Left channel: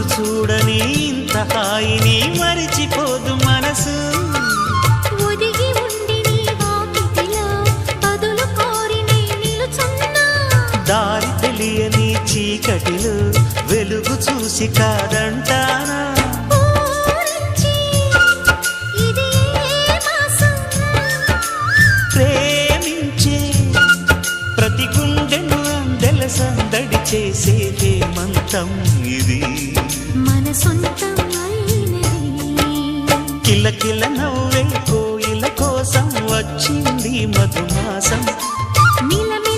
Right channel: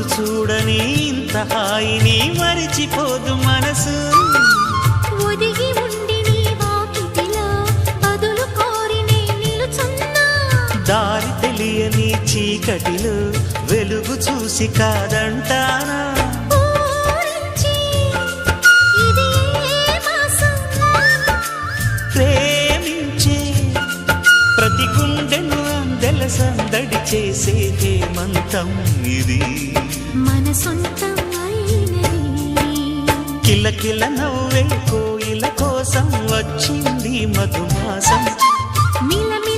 రోజు చూడని ఇంత హాయిని మరిచిపోదు మనసు. ఒదిగి ఉండి నీ వాకిటిలో బదులు కోరి నే నిలుచున్నా. దారి తెలియని చీకటిలో వెలుగు చూసి కాదంటానా. ఊరించి ఇది ఏ మాసం? ప్రేమించే ప్రతి గుండెను అందెల సందడి చేసే హేమంతం ఇది. మన సొంతం అయినది. కిలకిల నవ్వే కోయిల కోసం వచ్చింది మధుమాసం. మిలమిల